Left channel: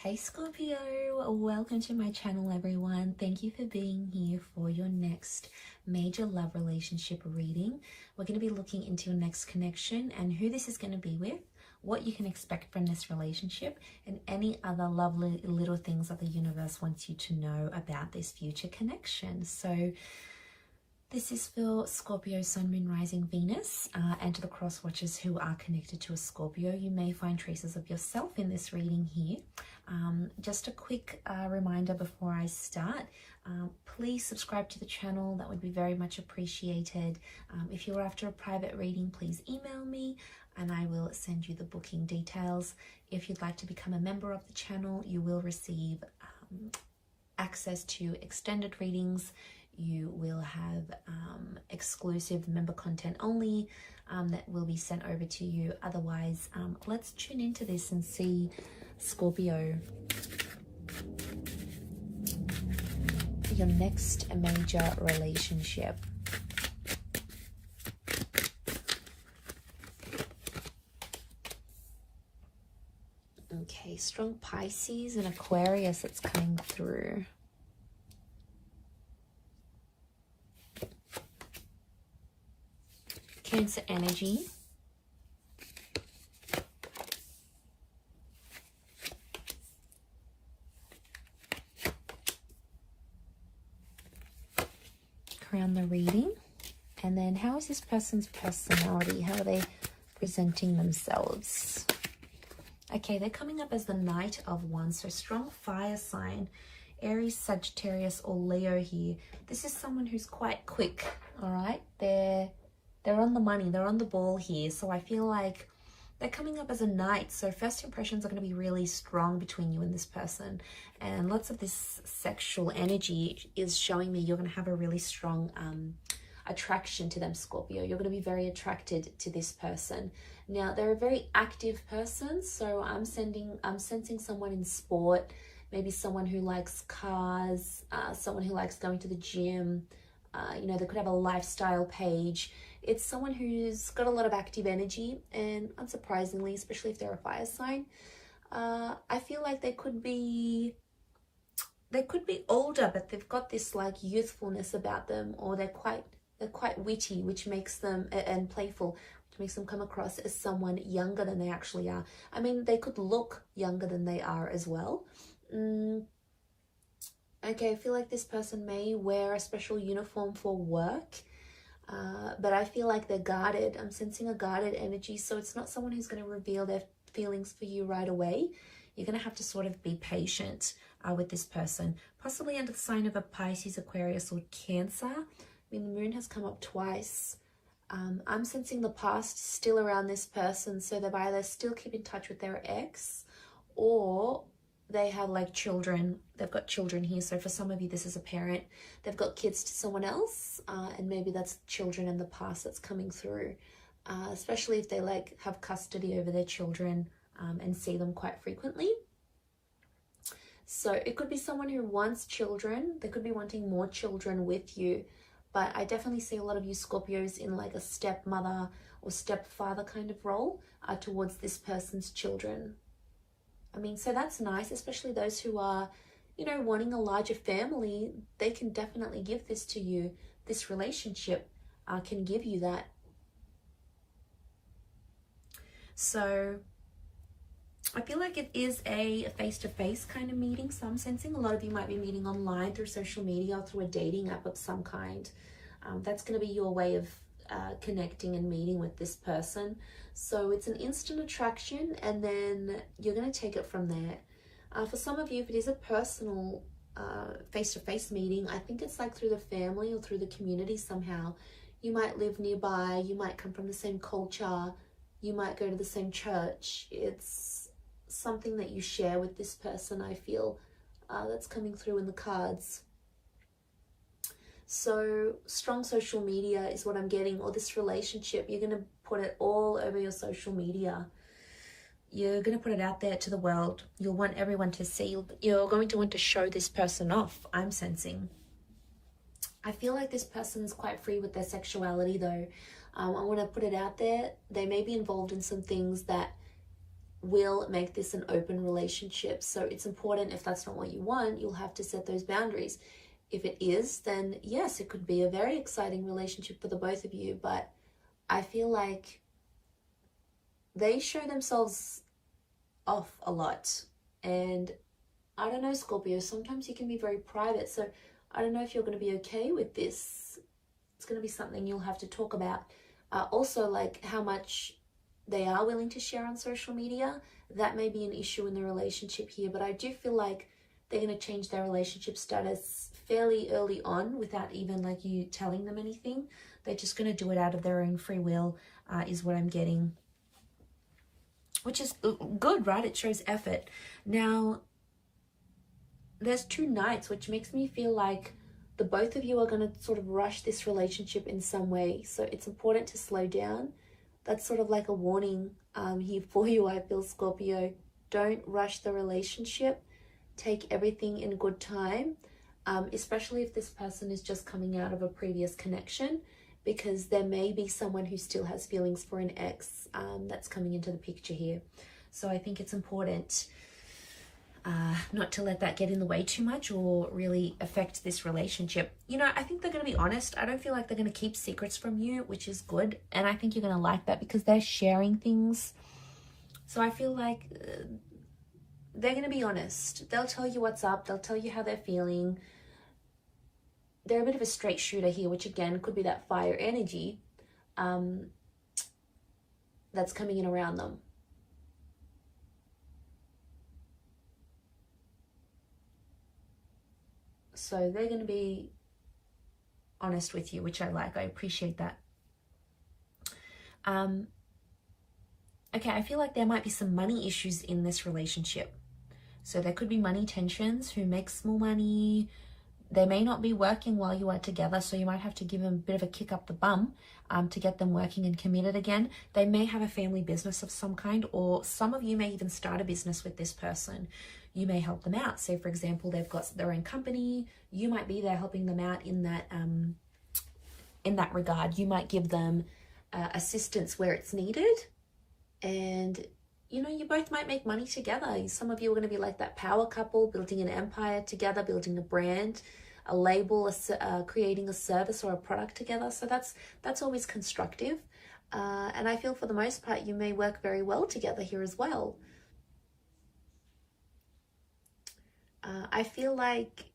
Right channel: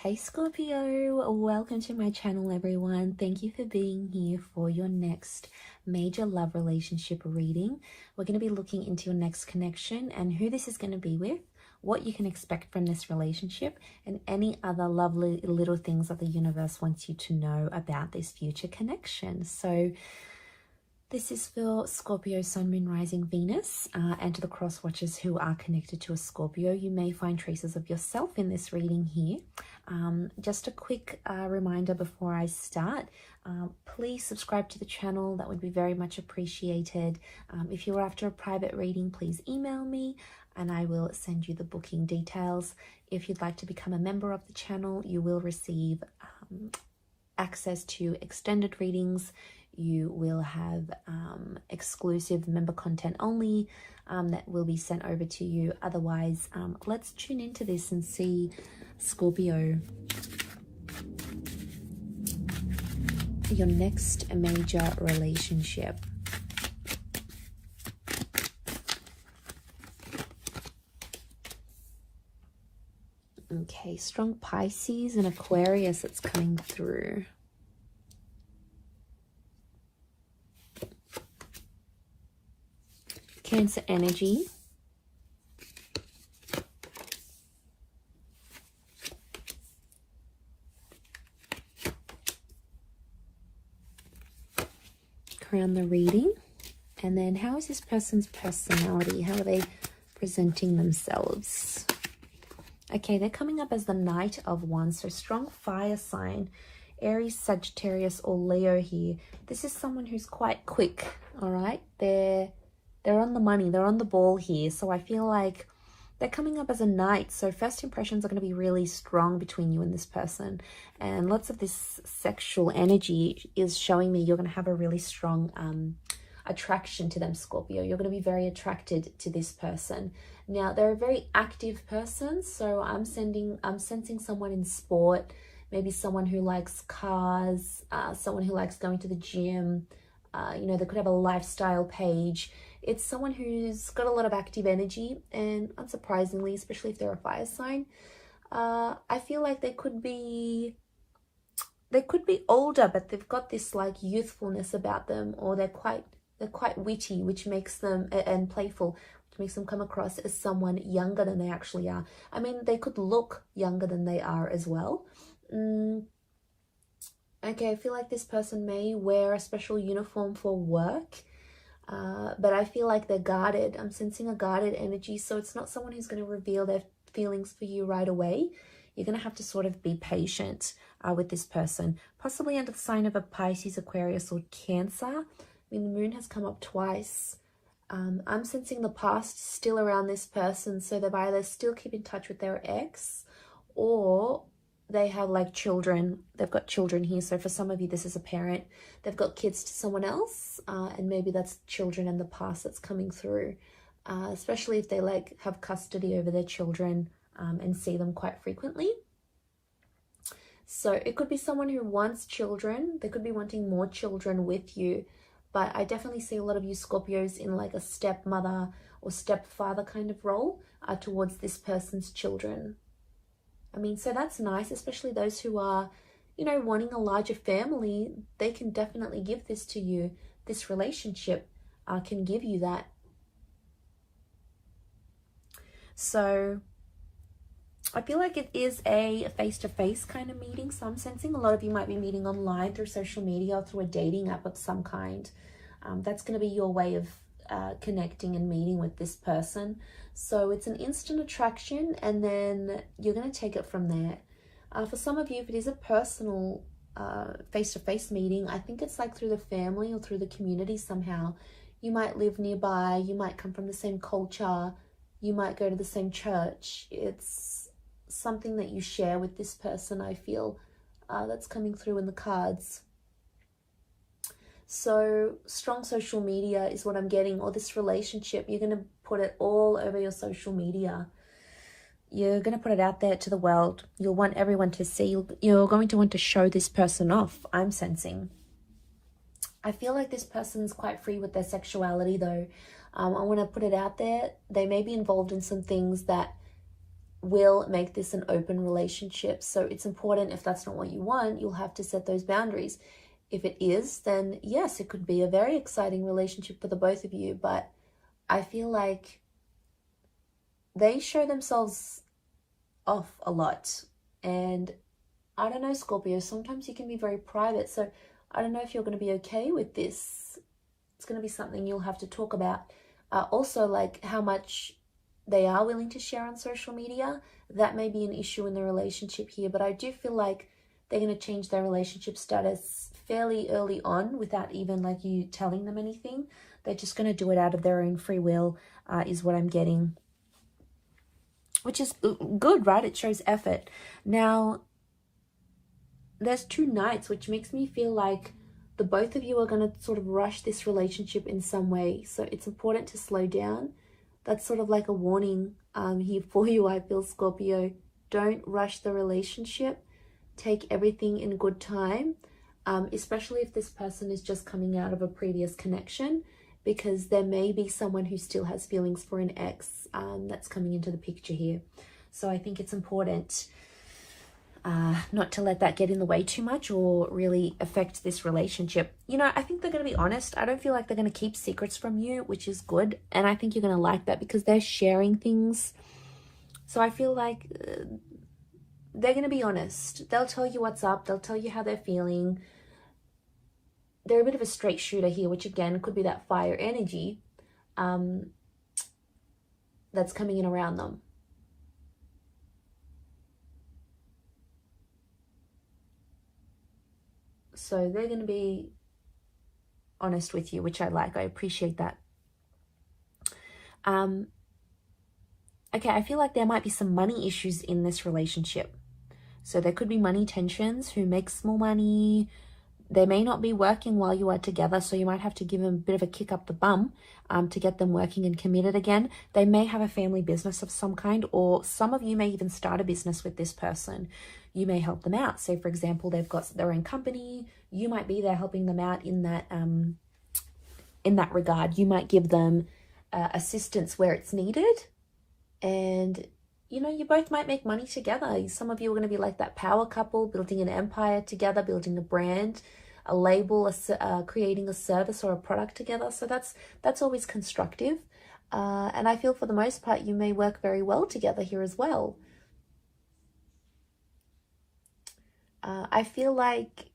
Hey Scorpio, welcome to my channel everyone. Thank you for being here for your next major love relationship reading. We're going to be looking into your next connection and who this is going to be with, what you can expect from this relationship, and any other lovely little things that the universe wants you to know about this future connection. So this is for Scorpio, Sun, Moon, Rising, Venus, and to the cross watchers who are connected to a Scorpio. You may find traces of yourself in this reading here. Just a quick reminder before I start, please subscribe to the channel. That would be very much appreciated. If you're after a private reading, please email me and I will send you the booking details. If you'd like to become a member of the channel, you will receive access to extended readings. You will have exclusive member content only that will be sent over to you. Otherwise, let's tune into this and see Scorpio, your next major relationship. Okay, strong Pisces and Aquarius, it's coming through. Cancer energy. Around the reading. And then how is this person's personality? How are they presenting themselves? Okay, they're coming up as the Knight of Wands. So strong fire sign. Aries, Sagittarius, or Leo here. This is someone who's quite quick, all right? They're on the money, they're on the ball here. So I feel like they're coming up as a knight. So first impressions are going to be really strong between you and this person. And lots of this sexual energy is showing me you're going to have a really strong attraction to them, Scorpio. You're going to be very attracted to this person. Now, they're a very active person. So I'm sensing someone in sport, maybe someone who likes cars, someone who likes going to the gym. You know, they could have a lifestyle page. It's someone who's got a lot of active energy, and unsurprisingly, especially if they're a fire sign, I feel like they could be older, but they've got this like youthfulness about them, or they're quite witty, which makes them, and playful, which makes them come across as someone younger than they actually are. I mean, they could look younger than they are as well. Okay, I feel like this person may wear a special uniform for work, but I feel like they're guarded. I'm sensing a guarded energy, so it's not someone who's going to reveal their feelings for you right away. You're going to have to sort of be patient with this person, possibly under the sign of a Pisces, Aquarius, or Cancer. I mean, the moon has come up twice. I'm sensing the past still around this person, so they've either still keep in touch with their ex, or they have like children. They've got children here. So for some of you, this is a parent. They've got kids to someone else, and maybe that's children in the past that's coming through, especially if they like have custody over their children and see them quite frequently. So it could be someone who wants children. They could be wanting more children with you, but I definitely see a lot of you Scorpios in like a stepmother or stepfather kind of role towards this person's children. I mean, so that's nice, especially those who are, you know, wanting a larger family. They can definitely give this to you. This relationship can give you that. So I feel like it is a face-to-face kind of meeting. So I'm sensing a lot of you might be meeting online through social media or through a dating app of some kind. That's going to be your way of connecting and meeting with this person. So it's an instant attraction, and then you're going to take it from there. For some of you, if it is a personal face-to-face meeting, I think it's like through the family or through the community somehow. You might live nearby, you might come from the same culture, you might go to the same church. It's something that you share with this person, I feel, that's coming through in the cards. So strong social media is what I'm getting, or this relationship, you're going to put it all over your social media. You're going to put it out there to the world. You'll want everyone to see. You're going to want to show this person off, I'm sensing. I feel like this person's quite free with their sexuality though. I want to put it out there. They may be involved in some things that will make this an open relationship. So it's important, if that's not what you want, you'll have to set those boundaries. If it is, then yes, it could be a very exciting relationship for the both of you. But I feel like they show themselves off a lot. And I don't know, Scorpio, sometimes you can be very private. So I don't know if you're going to be okay with this. It's going to be something you'll have to talk about. Also, like how much they are willing to share on social media. That may be an issue in the relationship here. But I do feel like they're going to change their relationship status fairly early on without even like you telling them anything. They're just going to do it out of their own free will, is what I'm getting. Which is good, right? It shows effort. Now, there's 2 knights, which makes me feel like the both of you are going to sort of rush this relationship in some way. So it's important to slow down. That's sort of like a warning here for you, I feel, Scorpio. Don't rush the relationship. Take everything in good time, especially if this person is just coming out of a previous connection, because there may be someone who still has feelings for an ex that's coming into the picture here. So I think it's important not to let that get in the way too much or really affect this relationship. You know, I think they're going to be honest. I don't feel like they're going to keep secrets from you, which is good. And I think you're going to like that because they're sharing things. So I feel like they're going to be honest. They'll tell you what's up. They'll tell you how they're feeling. They're a bit of a straight shooter here, which again could be that fire energy that's coming in around them. So they're going to be honest with you, which I like. I appreciate that. Okay, I feel like there might be some money issues in this relationship. So there could be money tensions. Who makes more money? They may not be working while you are together, so you might have to give them a bit of a kick up the bum to get them working and committed again. They may have a family business of some kind, or some of you may even start a business with this person. You may help them out. So, for example, they've got their own company. You might be there helping them out in that regard. You might give them assistance where it's needed, and you know, you both might make money together. Some of you are going to be like that power couple, building an empire together, building a brand, a label, creating a service or a product together. So that's always constructive. And I feel for the most part, you may work very well together here as well. I feel like,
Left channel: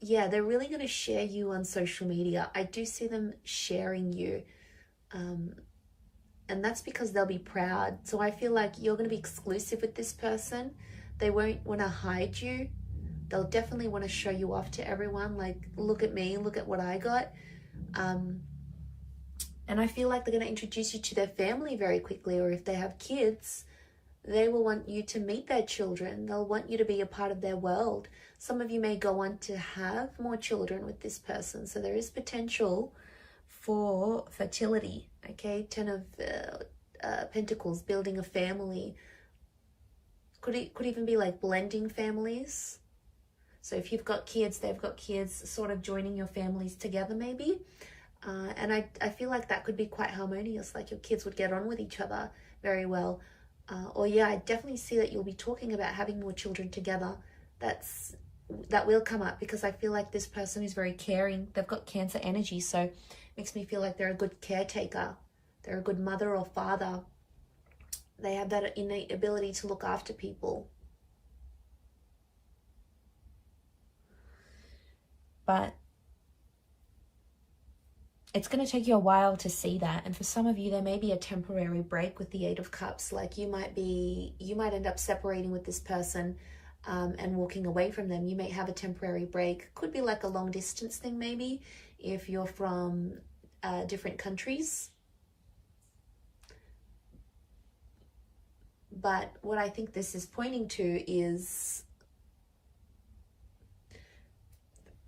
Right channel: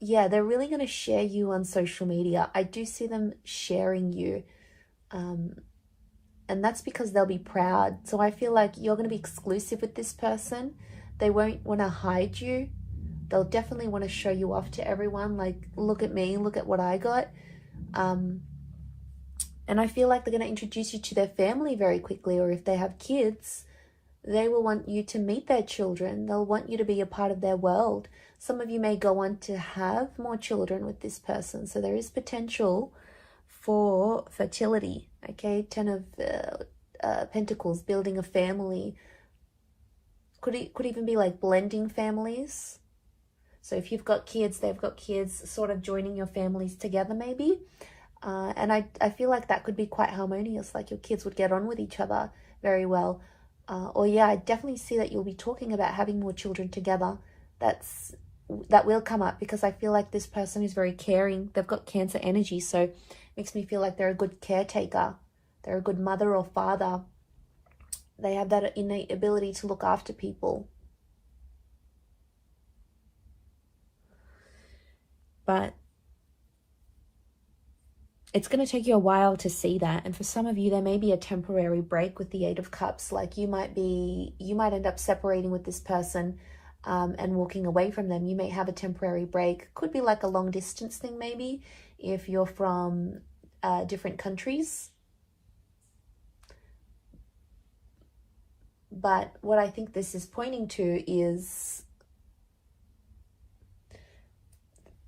yeah, they're really going to share you on social media. I do see them sharing you. And that's because they'll be proud. So I feel like you're going to be exclusive with this person. They won't want to hide you. They'll definitely want to show you off to everyone. Like, look at me, look at what I got. And I feel like they're going to introduce you to their family very quickly. Or if they have kids, they will want you to meet their children. They'll want you to be a part of their world. Some of you may go on to have more children with this person. So there is potential for fertility. Okay, 10 of Pentacles, building a family. Could even be like blending families. So if you've got kids, they've got kids, sort of joining your families together maybe. And I feel like that could be quite harmonious, like your kids would get on with each other very well. Or yeah, I definitely see that you'll be talking about having more children together. That will come up because I feel like this person is very caring. They've got Cancer energy, so makes me feel like they're a good caretaker. They're a good mother or father. They have that innate ability to look after people. But it's going to take you a while to see that. And for some of you, there may be a temporary break with the 8 of Cups. Like you might end up separating with this person and walking away from them. You may have a temporary break. Could be like a long distance thing maybe, if you're from different countries. But what I think this is pointing to is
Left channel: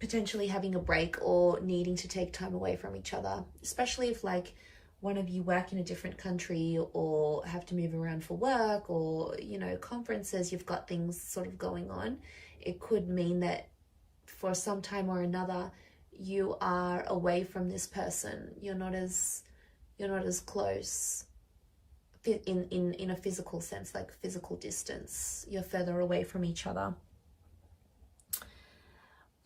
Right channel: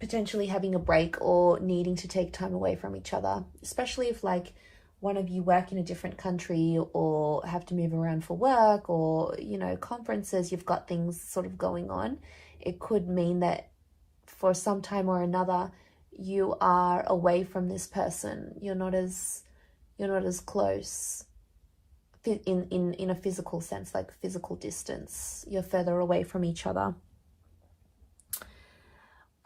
potentially having a break or needing to take time away from each other, especially if like one of you work in a different country or have to move around for work or, you know, conferences, you've got things sort of going on. It could mean that for some time or another, you are away from this person. You're not as close in a physical sense, like physical distance. You're further away from each other.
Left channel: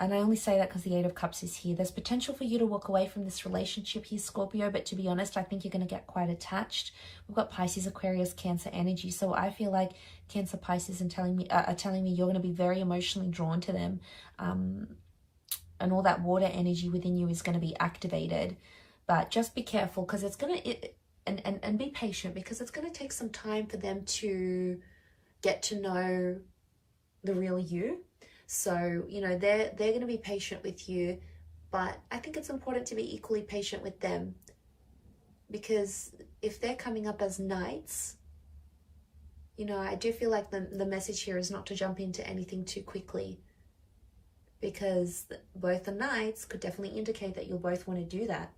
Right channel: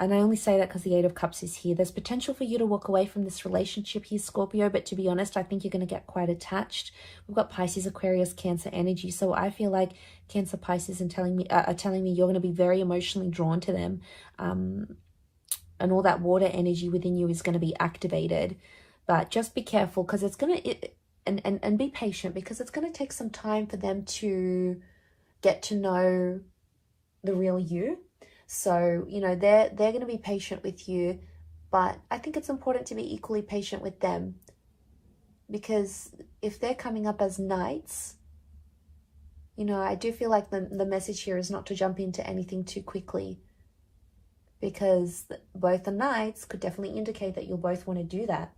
And I only say that because the Eight of Cups is here. There's potential for you to walk away from this relationship here, Scorpio, but to be honest, I think you're going to get quite attached. We've got Pisces, Aquarius, Cancer energy. So I feel like Cancer, Pisces are telling me you're going to be very emotionally drawn to them. And all that water energy within you is going to be activated. But just be careful, because it's going to... And be patient, because it's going to take some time for them to get to know the real you. So, you know, they're going to be patient with you, but I think it's important to be equally patient with them, because if they're coming up as knights, you know, I do feel like the message here is not to jump into anything too quickly, because both the knights could definitely indicate that you'll both want to do that.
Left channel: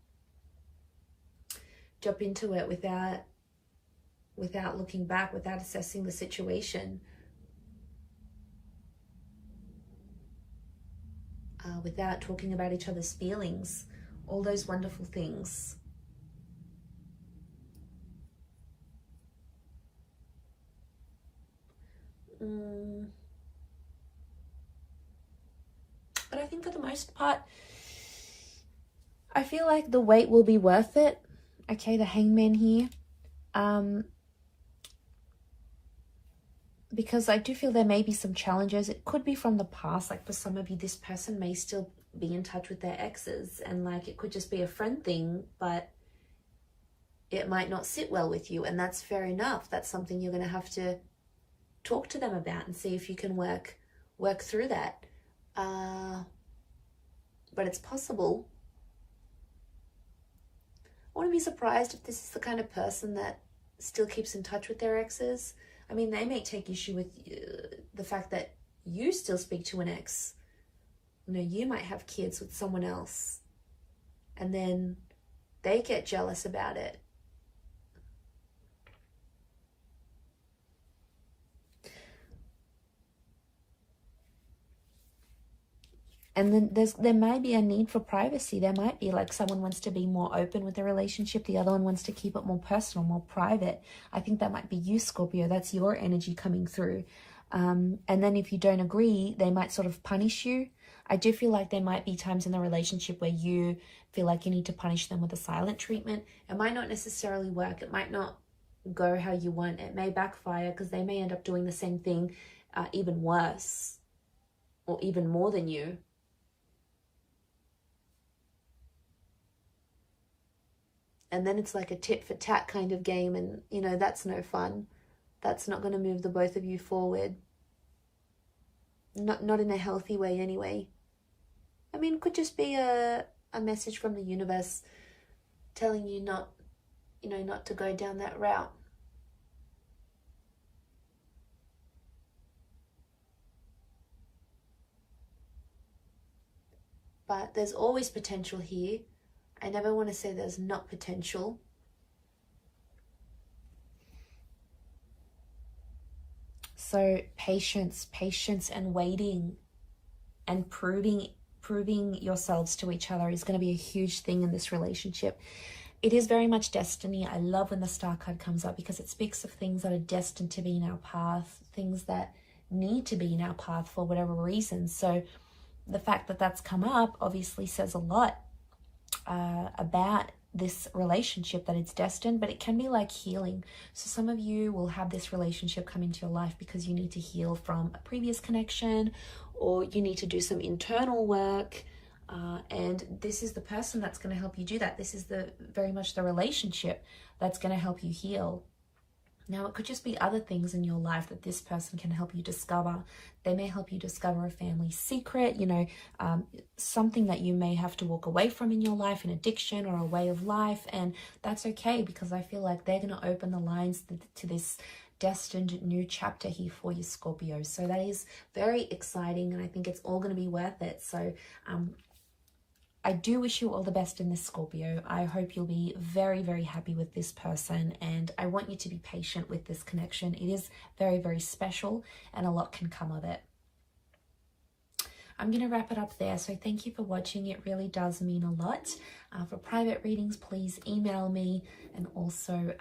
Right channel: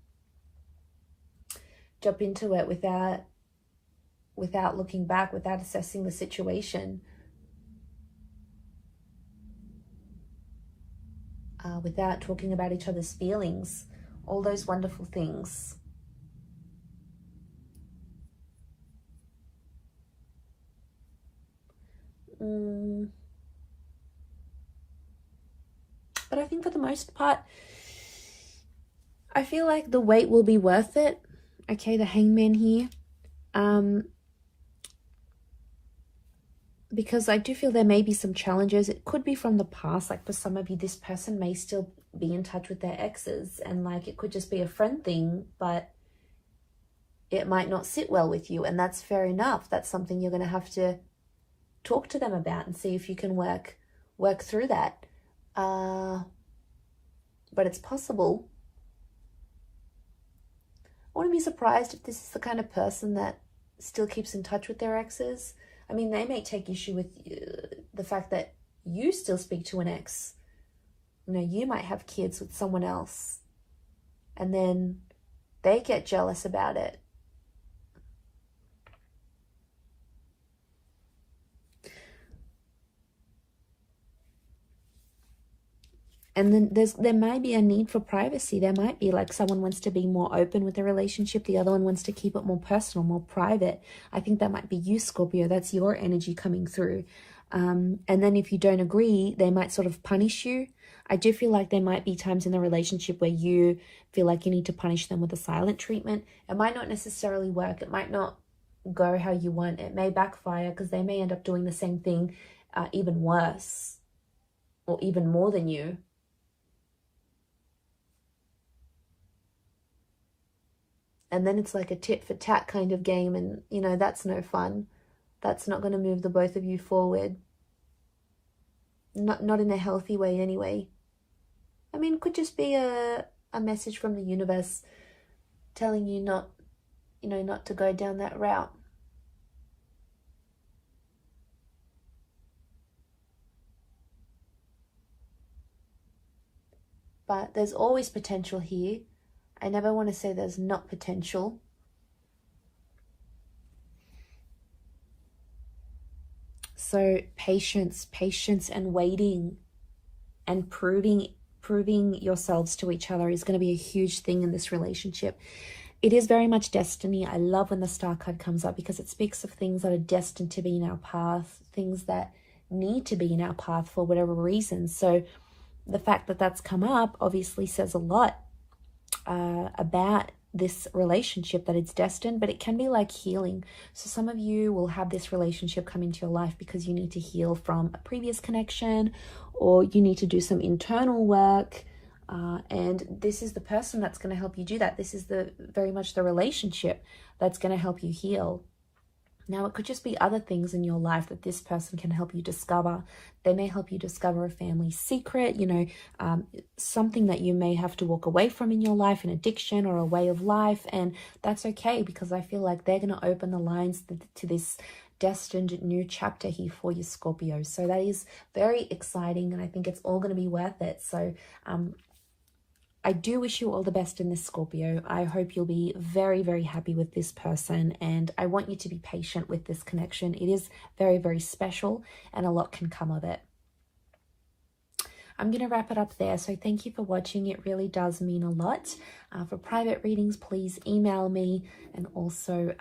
Jump into it without looking back, without assessing the situation. Without talking about each other's feelings, all those wonderful things. But I think for the most part, I feel like the wait will be worth it. Okay, the Hangman here. Because I do feel there may be some challenges. It could be from the past. Like for some of you, this person may still be in touch with their exes, and like it could just be a friend thing, but it might not sit well with you, and that's fair enough. That's something you're going to have to talk to them about and see if you can work through that. But it's possible. I wouldn't be surprised if this is the kind of person that still keeps in touch with their exes. I mean, they may take issue with the fact that you still speak to an ex. You know, you might have kids with someone else, and then they get jealous about it. And then there might be a need for privacy. There might be like someone wants to be more open with the relationship. The other one wants to keep it more personal, more private. I think that might be you, Scorpio. That's your energy coming through. And then if you don't agree, they might sort of punish you. I do feel like there might be times in the relationship where you feel like you need to punish them with a silent treatment. It might not necessarily work. It might not go how you want. It may backfire, because they may end up doing the same thing, even worse, or even more than you. And then it's like a tit for tat kind of game, and, you know, that's no fun. That's not going to move the both of you forward. Not in a healthy way anyway. I mean, it could just be a message from the universe telling you not to go down that route. But there's always potential here. I never want to say there's not potential. So patience and waiting and proving yourselves to each other is going to be a huge thing in this relationship. It is very much destiny. I love when the Star card comes up, because it speaks of things that are destined to be in our path, things that need to be in our path for whatever reason. So the fact that that's come up obviously says a lot about this relationship, that it's destined. But it can be like healing. So some of you will have this relationship come into your life because you need to heal from a previous connection, or you need to do some internal work, and this is the person that's going to help you do that. This is very much the relationship that's going to help you heal. Now, it could just be other things in your life that this person can help you discover. They may help you discover a family secret, you know, something that you may have to walk away from in your life, an addiction or a way of life. And that's okay, because I feel like they're going to open the lines to this destined new chapter here for you, Scorpio. So that is very exciting, and I think it's all going to be worth it. So I do wish you all the best in this, Scorpio. I hope you'll be very, very happy with this person, and I want you to be patient with this connection. It is very, very special, and a lot can come of it. I'm going to wrap it up there. So thank you for watching. It really does mean a lot. For private readings, please email me, and also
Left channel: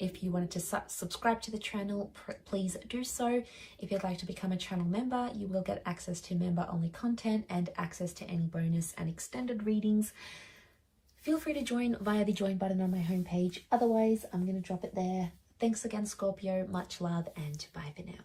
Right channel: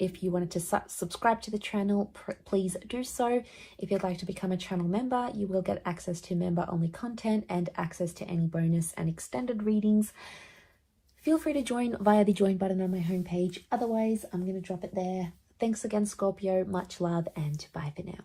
If you wanted to subscribe to the channel, please do so. If you'd like to become a channel member, you will get access to member-only content and access to any bonus and extended readings. Feel free to join via the join button on my homepage. Otherwise, I'm going to drop it there. Thanks again, Scorpio. Much love and bye for now.